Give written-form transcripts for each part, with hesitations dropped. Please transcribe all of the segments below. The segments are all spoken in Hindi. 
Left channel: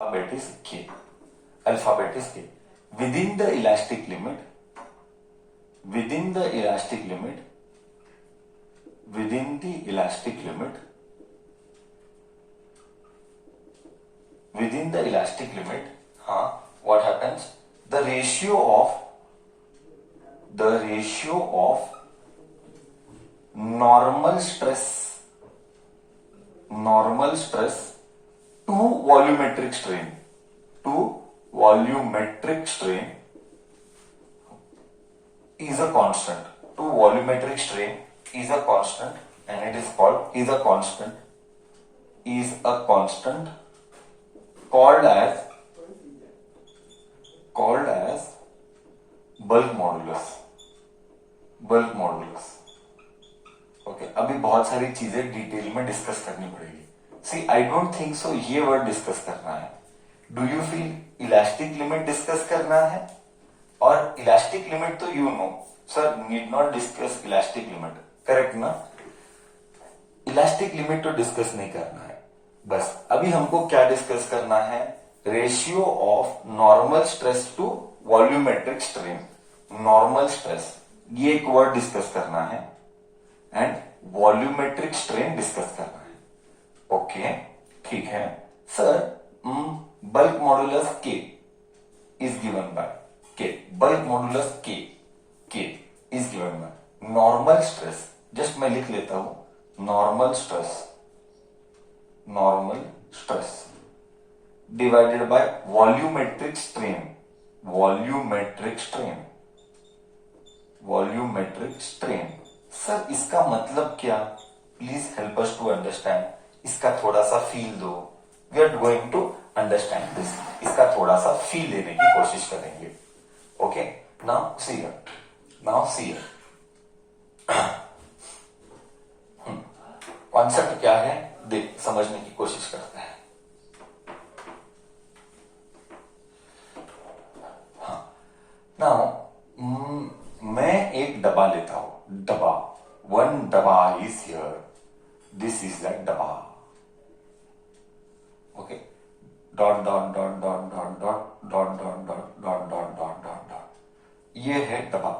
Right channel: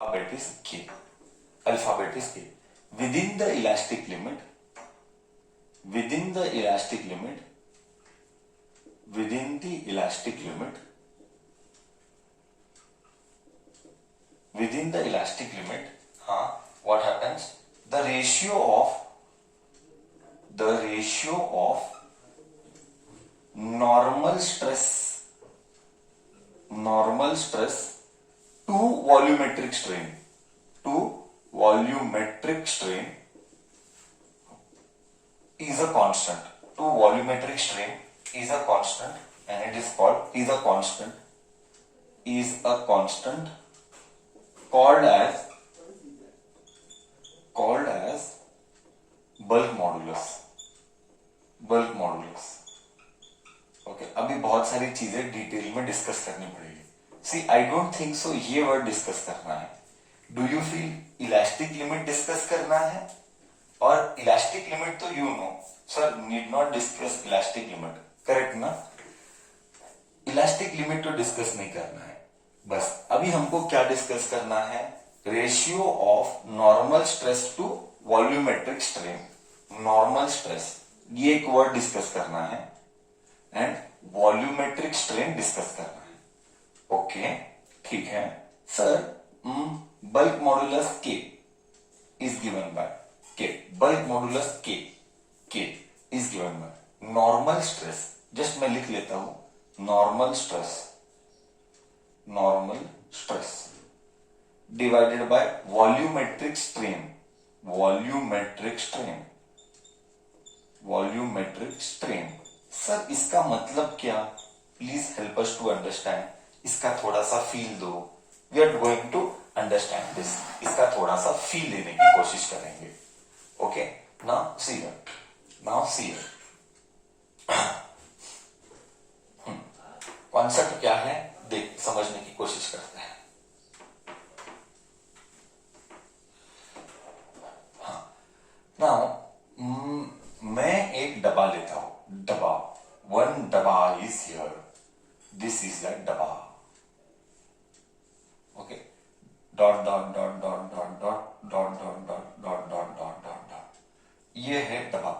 alphabet is K. Alphabet is K. Within the elastic limit, within the elastic limit, within the elastic limit, within the elastic limit, what happens? The ratio of normal stress to volumetric strain is a constant. To volumetric strain is a constant, and it is called called as bulk modulus. Okay अभी बहुत सारी चीजें डिटेल में डिस्कस करनी पड़ेगी. सी आई डोंट थिंक सो ये वर्ड डिस्कस करना है. Do you feel elastic limit discuss करना है? और इलास्टिक लिमिट तो you know sir need not discuss elastic limit, correct ना? इलास्टिक लिमिट तो डिस्कस नहीं करना है. बस अभी हमको क्या डिस्कस करना है? Ratio of normal stress to volumetric strain. Normal stress ये एक वर्ड डिस्कस करना है एंड वॉल्यूमेट्रिक स्ट्रेन डिस्कस करना है. ओके ठीक है sir. Bulk modulus K is given by K. Bulk modulus K is given by normal stress. Just मैं लिख लेता हूं normal stress divided by volumetric strain. Volumetric strain. Sir इसका मतलब क्या? Please help us to understand. इसका थोड़ा सा फील दो. We are going to understand this. इसका थोड़ा सा फील लेने की कोशिश करेंगे. Okay now see here. Concept क्या है देख समझने की कोशिश करते हैं. नाउ मैं एक डब्बा लेता हूं. डब्बा, one डब्बा is here. This is that डब्बा. Okay. Dot dot dot dot dot dot dot dot dot dot dot dot dot dot. ये है डब्बा.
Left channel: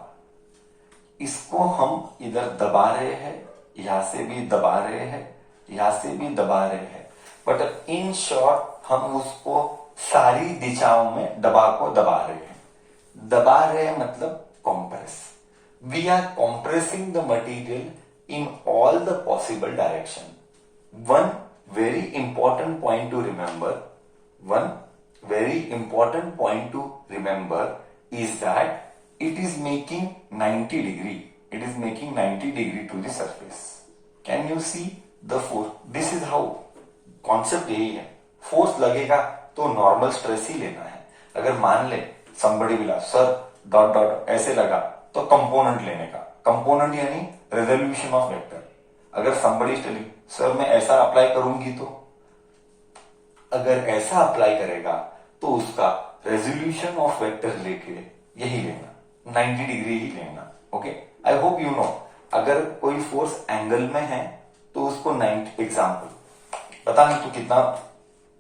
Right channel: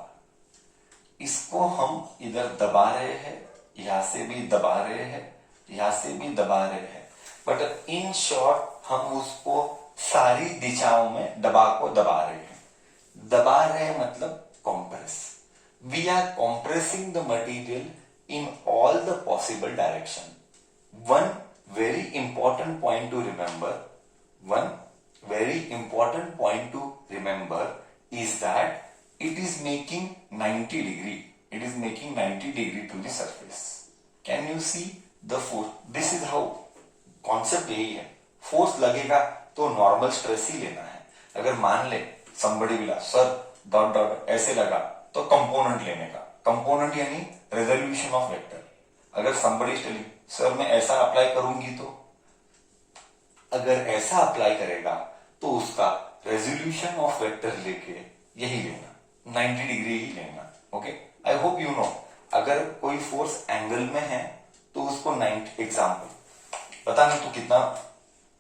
इसको हम इधर दबा रहे हैं, यहां से भी दबा रहे हैं, यहां से भी दबा रहे हैं. बट इन शॉर्ट हम उसको सारी दिशाओं में डब्बा को दबा रहे हैं. दबा रहे मतलब compress. We are compressing the material in all the possible direction. One very important point to remember is that it is making 90 degree. It is making 90 degree to the surface. Can you see the force? This is how concept यही है. फोर्स लगेगा तो नॉर्मल स्ट्रेस ही लेना है. अगर मान ले somebody will ask, sir dot dot ऐसे लगा तो कंपोनेंट लेने का. कंपोनेंट यानी रेजोल्यूशन ऑफ वेक्टर. अगर somebody is telling सर मैं ऐसा अप्लाई करूंगी तो अगर ऐसा अप्लाई करेगा तो उसका रेजोल्यूशन ऑफ वेक्टर लेके यही लेना 90 डिग्री ही लेना. Okay I hope you know. अगर कोई फोर्स एंगल में है तो उसको 90 एग्जाम्पल पता नहीं तो कितना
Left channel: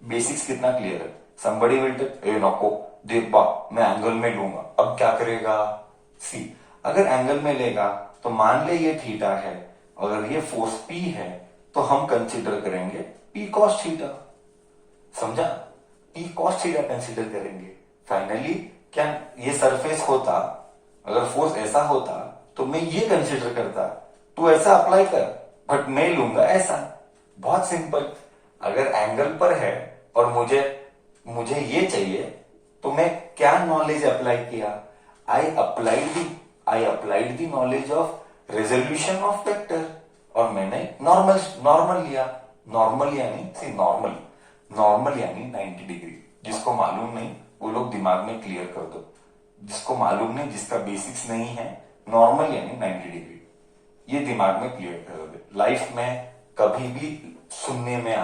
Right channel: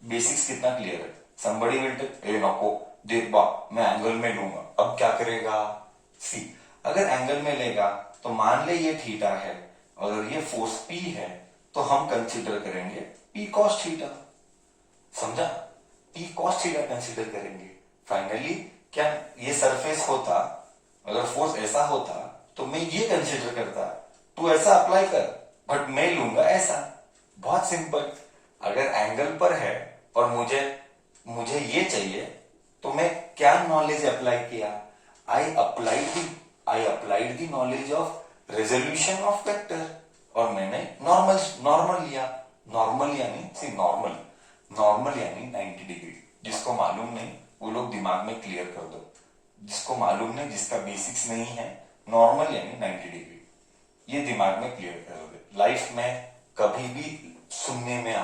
बेसिक्स कितना क्लियर है. somebody will tell ए नको देख बा मैं एंगल में लूंगा. अब क्या करेगा? सी अगर एंगल में लेगा तो मान ले ये थीटा है. अगर ये फोर्स पी है तो हम कंसीडर करेंगे पी कॉस थीटा. समझा? पी कॉस थीटा कंसीडर करेंगे. फाइनली क्या ये सरफेस होता, अगर फोर्स ऐसा होता तो मैं ये कंसीडर करता तू ऐसा अप्लाई कर, बट मैं लूंगा ऐसा. बहुत सिंपल. अगर एंगल पर है और मुझे ये चाहिए तो मैं क्या नॉलेज अप्लाई किया? I applied the knowledge of resolution of vector और मैंने नॉर्मल लिया. नॉर्मल यानी 90 डिग्री. जिसको मालूम नहीं वो लोग दिमाग में क्लियर कर दो. जिसको मालूम नहीं, जिसका बेसिक्स नहीं है, नॉर्मल यानी 90 डिग्री. ये दिमाग में क्लियर कर दो. लाइफ में कभी भी सुनने में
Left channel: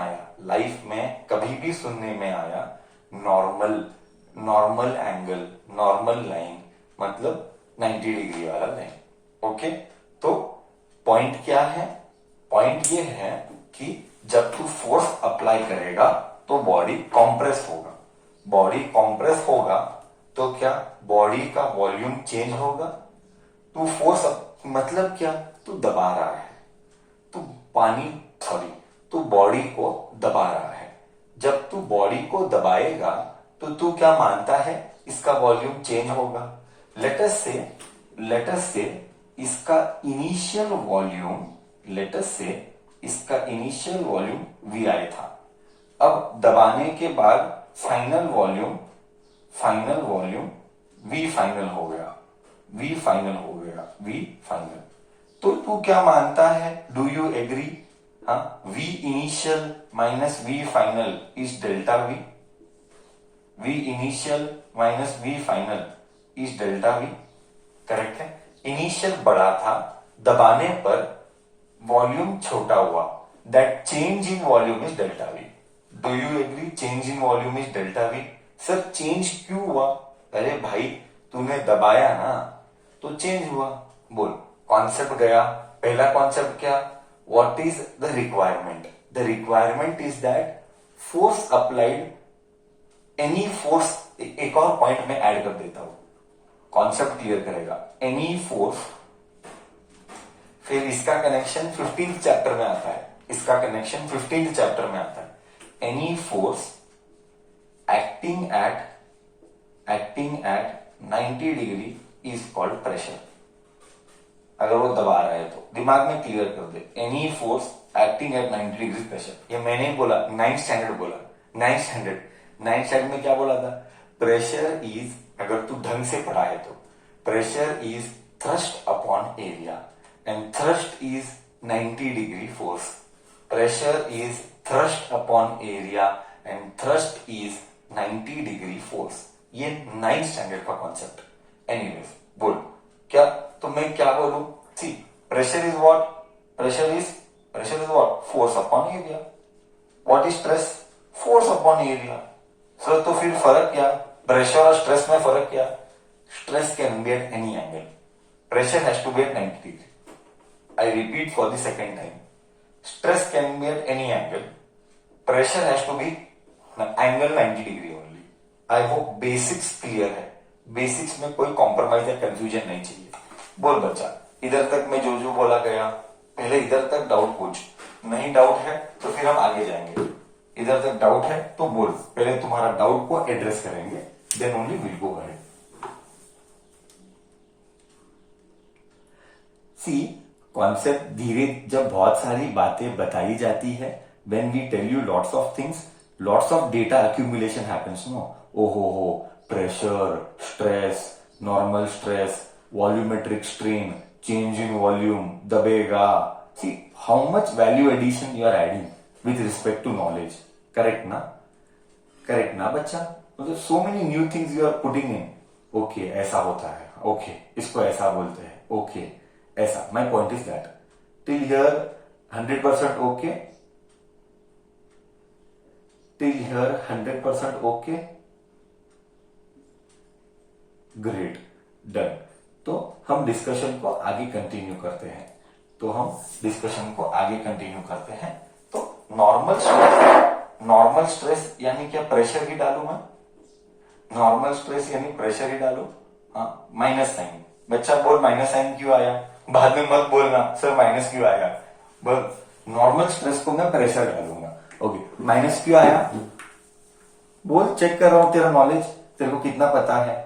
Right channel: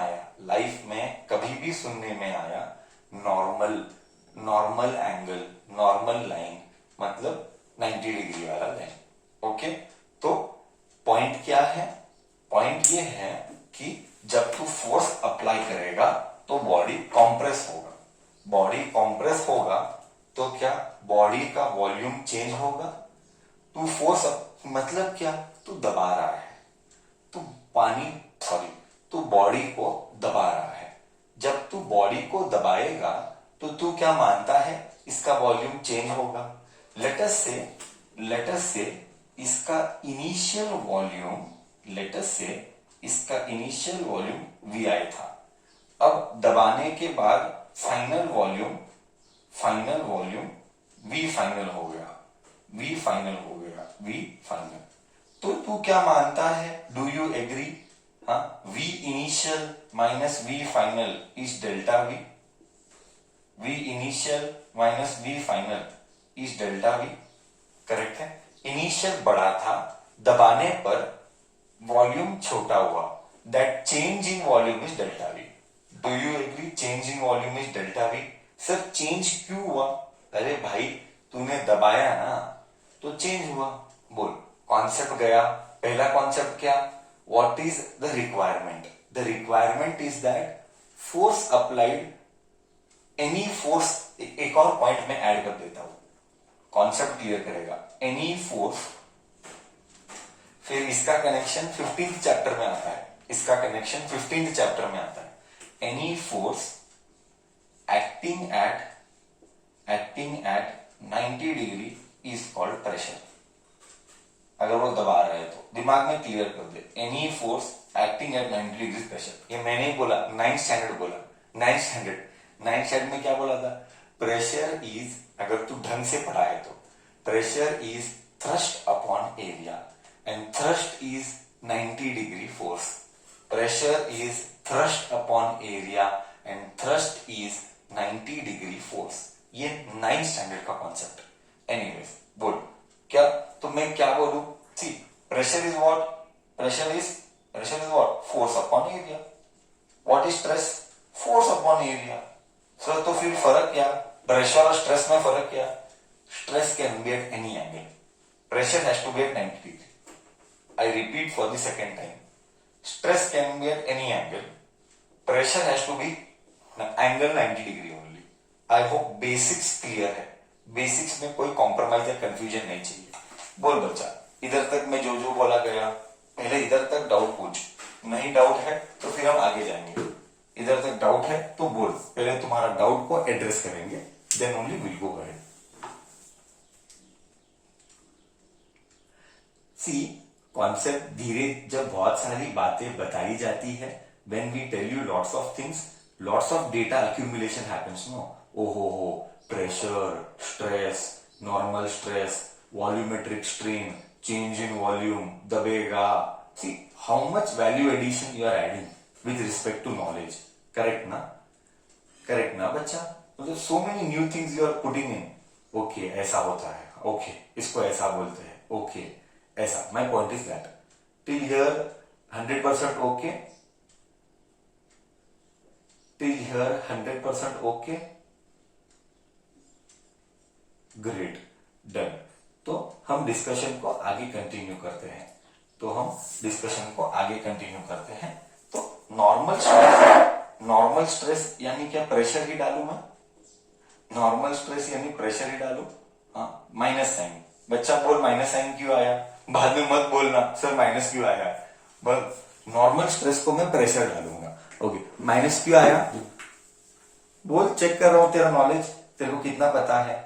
आया नॉर्मल एंगल, नॉर्मल लाइन मतलब 90 डिग्री वाला लाइन. ओके तो पॉइंट क्या है? पॉइंट ये है कि जब तू फोर्स अप्लाई करेगा तो बॉडी कॉम्प्रेस होगा. बॉडी कॉम्प्रेस होगा तो क्या बॉडी का वॉल्यूम चेंज होगा? तू फोर्स मतलब क्या? तू दबा रहा है, तू पानी सॉरी तू बॉडी को दबा रहा है। जब तू बॉडी को दबाएगा तो तू क्या मानता है? इसका वॉल्यूम चेंज होगा। लेटस से इसका इनिशियल वॉल्यूम वी आई था। अब दबाने के बाद फाइनल वॉल्यूम वी फाइनल हो गया। तो तू क्या मानता है? Do you agree? हाँ, V initial minus V final is delta V. V initial minus V final is delta V. Correct है। इनिशियल बड़ा था, दबाने पर वॉल्यूम छोटा हुआ, that change in volume is delta V. Do you agree? Change in volume is delta V. Sir change क्यों हुआ? अरे भाई तूने दबाया ना तो चेंज हुआ। बोल, कॉन्सेप्ट गया। पहला कॉन्सेप्ट क्या? What is the requirement? The requirement is that force applied, any force. एक और पॉइंट में ऐड कर देता हूं, कॉन्सेप्ट क्लियर करेगा। एनी फोर्स, फिर इसका कनेक्शन 15th चैप्टर में आता है, इसका कनेक्शन 15th चैप्टर में आता है। Any force acting at 90 degree is called pressure. अगर वो दबा रहा है तो दिमाग में क्लियर कर दे, any force acting at 90 degree pressure. ये मैंने ही बोला, 9th स्टैंडर्ड बोला। 9th स्टैंडर्ड में क्या बोला था? प्रेशर इज, अगर तू ढंग से पढ़ा है तो, pressure is thrust upon area and thrust is 90 degree force. Pressure is thrust upon area and thrust is 90 degree force. ये 9th स्टैंडर्ड का कॉन्सेप्ट। एनीवेज बोल क्या, तो मैं क्या बोलूं? See, pressure is what? Pressure is what? Force upon area. What is stress? Force upon area. So तो फिर फर्क क्या? प्रेशर और स्ट्रेस में फर्क क्या? Stress can be at any angle, pressure has to be at 90 degree. I repeat for the second time. Stress can be at any angle. Pressure has to be angle 90 degree only. I hope basics clear है। बेसिक्स में कोई कॉम्प्रोमाइज या कंफ्यूजन नहीं चाहिए। बोल बच्चा, इधर तक मैं जो बोला गया, पहले इधर तक डाउट पूछ। नहीं डाउट है तो फिर हम आगे जाएंगे। इधर तक डाउट है तो बोल, पहले तुम्हारा डाउट को एड्रेस करेंगे, then only will go ahead. See, concept धीरे, जब बहुत सारी बातें बताई जाती है, when we tell you lots of things, lots of data accumulation happens no. ओहो हो, pressure, stress, normal stress, volumetric strain, change in volume, दबेगा। See how much value addition you are adding with respect to knowledge. Correct ना? करेक्ट ना बच्चा? मतलब so many new things you are putting in. Okay ऐसा होता है, ओके इसको ऐसा बोलते हैं, ओके ऐसा। My point is that till here 100% okay, till here 100% okay, great, done. तो हम डिस्कशन को आगे कंटिन्यू करते हैं। तो नॉर्मल स्ट्रेस यानी क्या? प्रेशर ही डालू मैं। नॉर्मल स्ट्रेस यानी प्रेशर ही डालू। हाँ, माइनस साइन। बच्चा बोल, माइनस साइन क्यों आया? बाद में मत बोलना सर माइनस क्यों आया। बस नॉर्मल स्ट्रेस को मैं प्रेशर डालूंगा। ओके, माइनस क्यों आया? बोल, चेक कर रहा हूं तेरा नॉलेज, तेरे को कितना पता है।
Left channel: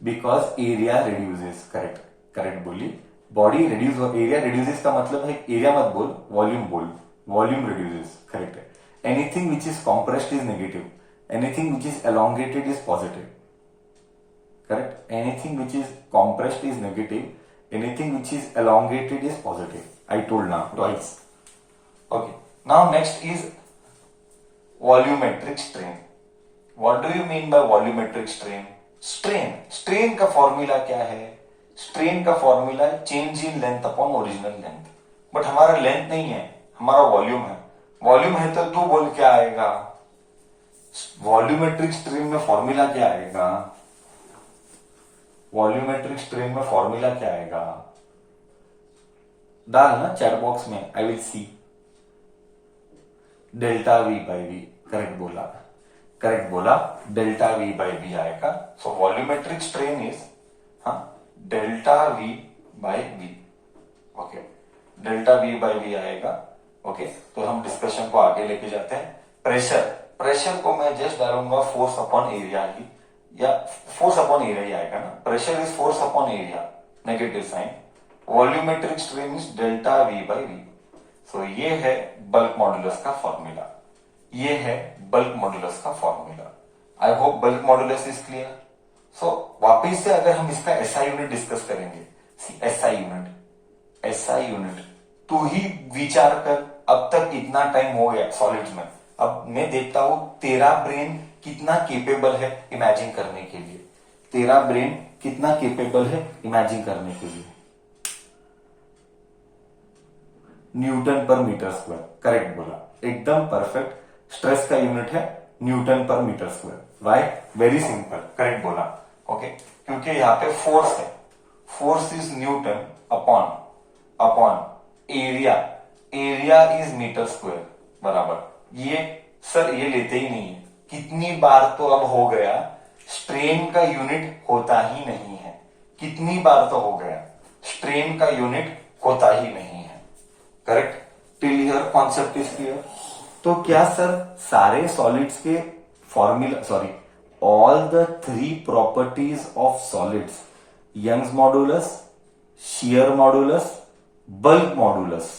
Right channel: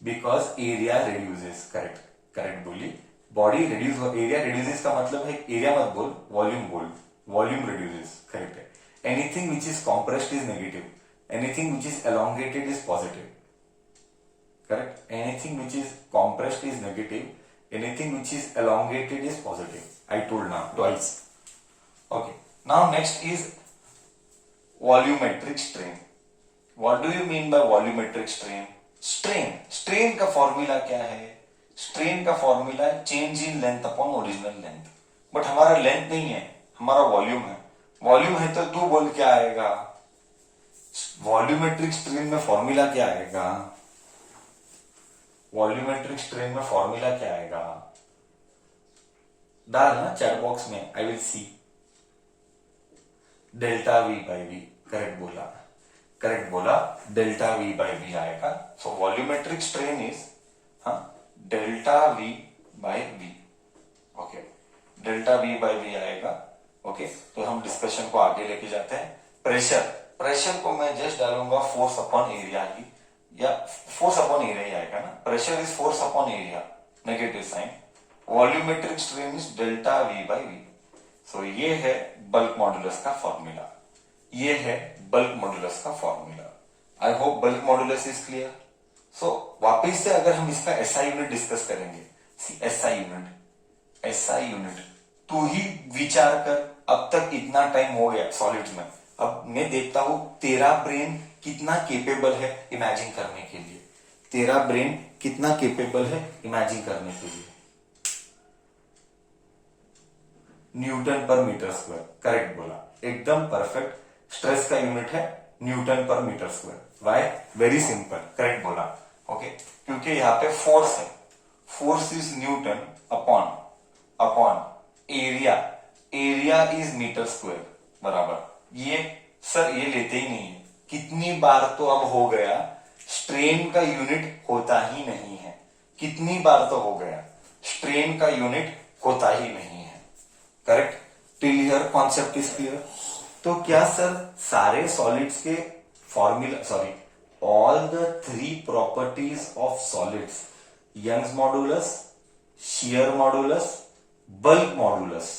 Because area reduces. करेक्ट बोली। बॉडी रिड्यूस, एरिया रिड्यूसेस का मतलब है, एरिया मत बोल, वॉल्यूम बोल। वॉल्यूम रिड्यूसेस, करेक्ट है। Anything which is compressed is negative, anything which is elongated is positive. Correct? Anything which is compressed is negative, anything which is elongated is positive. I told now twice. Okay, now next is volumetric strain. What do you mean by volumetric strain? strain का फॉर्मूला क्या है? strain का formula change in length upon original length. But हमारा लेंथ नहीं है, हमारा वॉल्यूम है। वॉल्यूम है तो तू बोल क्या आएगा? वॉल्यूमेट्रिक स्ट्रेन में फॉर्मूला क्या आएगा? वॉल्यूमेट्रिक स्ट्रेन में फॉर्मूला क्या आएगा? डालना चैट बॉक्स में, I will see. Delta V by V, correct बोला, करेक्ट बोला, डेल्टा वी बाई वी आएगा। सो वॉल्यूमेट्रिक स्ट्रेन इज, हाँ, delta V by V. Okay, delta V by V आएगा। ओके, तो हम डिस्कशन को आगे लेके जाते हैं। प्रेशर, प्रेशर को मैं जस्ट डालूंगा फोर्स अपॉन एरिया ही, या फोर्स अपॉन एरिया ही आएगा ना। Pressure is force upon area, negative sign. Volumetric strain is delta V by V. So ये है बल्क मॉडुलस का फॉर्मूला, ये है बल्क मॉडुलस का formula. I hope bulk modulus is clear. So वापिस से अगर हम इसका एसआई यूनिट डिस्कस करेंगे, एसआई यूनिट, एसआई यूनिट, तू ही विचार कर, अब तक इतना टाइम हो गया सॉलिड्स में, अब मैं देखता हूं तेरा ब्रेन कितना केपेबल है इमेजिन करने के लिए, तेरा ब्रेन कितना केपेबल है इमेजिन करने के लिए। न्यूटन पर मीटर स्क्वायर, करेक्ट बोला, एकदम परफेक्ट। स्ट्रेस का यूनिट है न्यूटन पर metre square. Why? Very simple, correct बोला। ओके, क्योंकि यहां पे फोर्स है, force is newton upon upon area, area is metre square बराबर। ये सर ये लेते ही नहीं है, कितनी बार तो अब हो गया स्ट्रेन का यूनिट होता ही नहीं है, कितनी बार तो हो गया स्ट्रेन का यूनिट होता ही नहीं है। Correct, till here concept is clear. तो क्या सर सारे सॉलिड्स के formula, sorry, all the 3 properties of solids, Young's modulus, shear modulus, bulk modulus,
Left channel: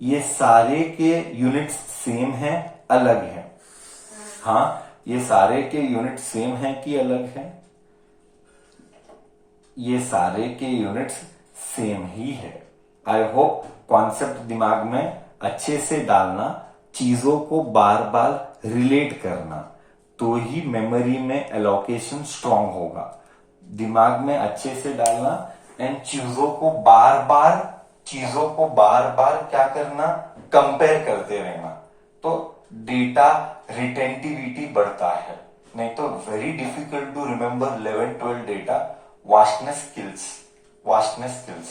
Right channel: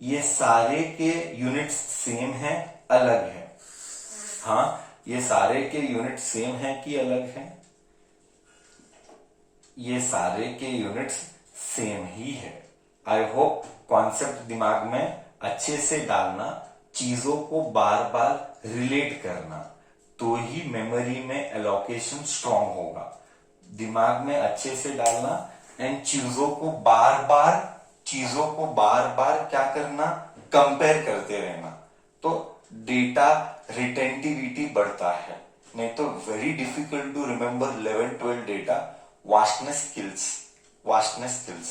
ये सारे के यूनिट्स सेम है, अलग है? हाँ, ये सारे के यूनिट सेम है कि अलग है? ये सारे के यूनिट्स सेम ही है। आई होप कॉन्सेप्ट दिमाग में अच्छे से डालना, चीजों को बार बार रिलेट करना, तो ही मेमोरी में एलोकेशन स्ट्रांग होगा। दिमाग में अच्छे से डालना एंड चीजों को बार बार क्या करना, कंपेयर करते रहना, तो डेटा रिटेंटिविटी बढ़ता है। नहीं तो very difficult to remember 11-12 data. Vastness skills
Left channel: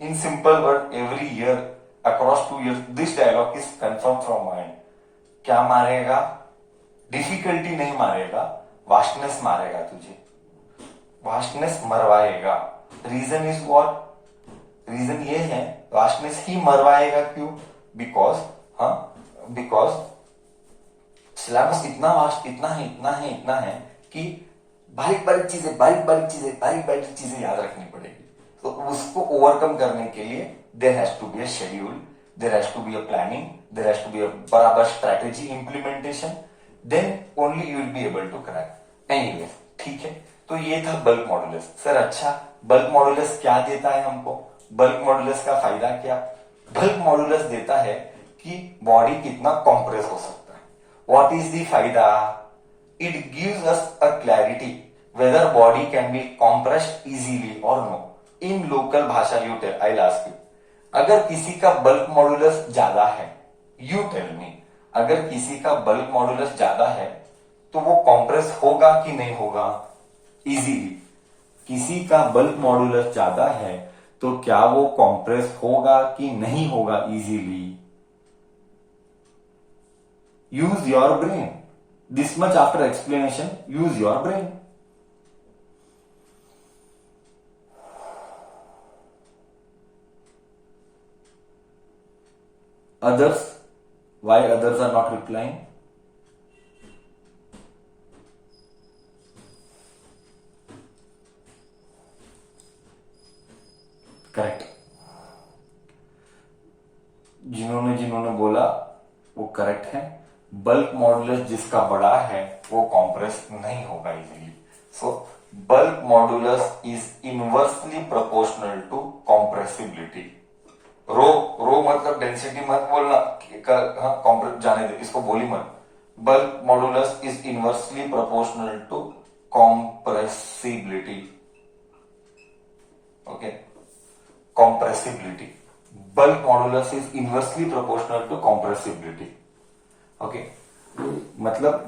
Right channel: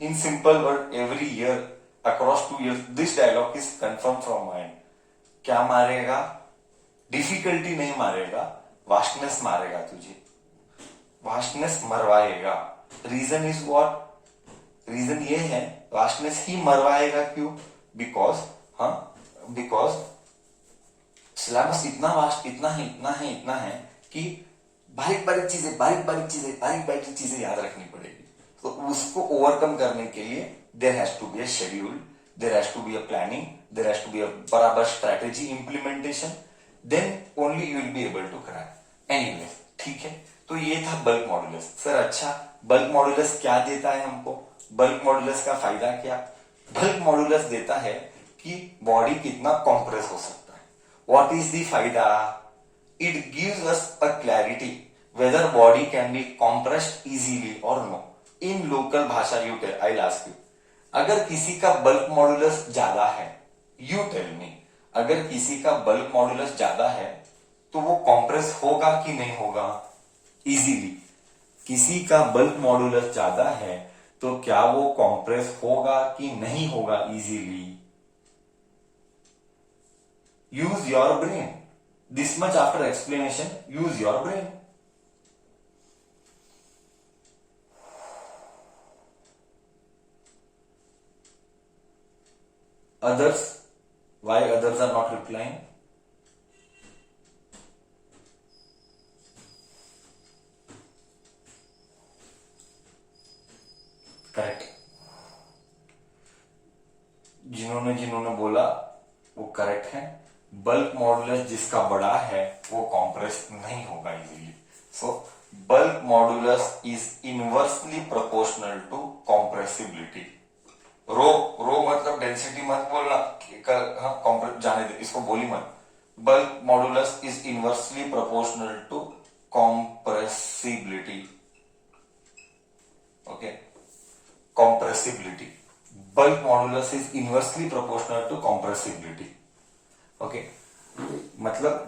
in simple word, every year across 2 years this dialogue is confirmed from mind। क्या मारेगा? डिफिकल्टी नहीं मारेगा, वास्टनेस मारेगा तुझे, वास्टनेस मरवाएगा। Reason is what? रीजन ये है वास्टनेस ही मरवाएगा। क्यों? बिकॉज सिलेबस इतना वास्ट, इतना है कि बारीक बारीक चीजें याद रखनी पड़ेगी। तो उसको ओवरकम करने के लिए there has to be a schedule, there has to be a planning, there has to be a बराबर strategy implementation, then only you will be able to crack. Anyway, ठीक है, तो ये था बल्क मॉडुलस। सर अच्छा, बल्क मॉडुलस क्या देता है हमको? बल्क मॉडुलस का फायदा क्या? बल्क मॉडुलस देता है कि बॉडी कितना कॉम्प्रेस हो सकता है। व्हाट इज द फायदा? It gives us a clarity whether body can be compressed easily or no. In local भाषा you tell, I'll ask you. अगर किसी का बल्क मॉडुलस ज्यादा है, you tell me, अगर किसी का बल्क मॉडुलस ज्यादा है तो वो कॉम्प्रेस होगा कि नहीं होगा इजीली? किसी का बल्क मॉडुलस ज्यादा है तो क्या वो कॉम्प्रेस होगा कि नहीं होगा easily? Use your brain. This much after explanation, use your brain. Others, why others are not replying? Correct. जिन्होंने बोला वो करेक्ट है। बल्क मॉडुलस जिसका बड़ा है वो कॉम्प्रेस नहीं होगा easily. So bulk modulus is inversely proportional to compressibility. Rho मतलब डेंसिटी मत बोलना, हाँ जाने दे, इसको बोली मत। Bulk modulus is inversely proportional to compressibility. Okay, compressibility, bulk modulus is inversely proportional to compressibility. Okay, मतलब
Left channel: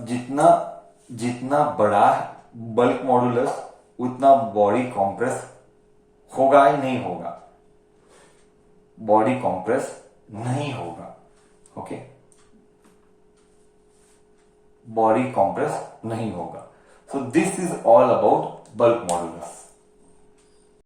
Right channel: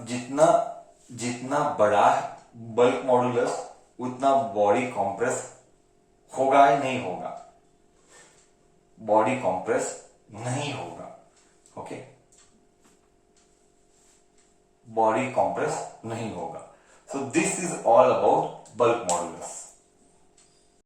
जितना बड़ा बल्क मॉडुलस उतना बॉडी कॉम्प्रेस होगा ही नहीं होगा। बॉडी कॉम्प्रेस नहीं होगा। ओके, बॉडी कॉम्प्रेस नहीं होगा। So this is all about bulk modulus.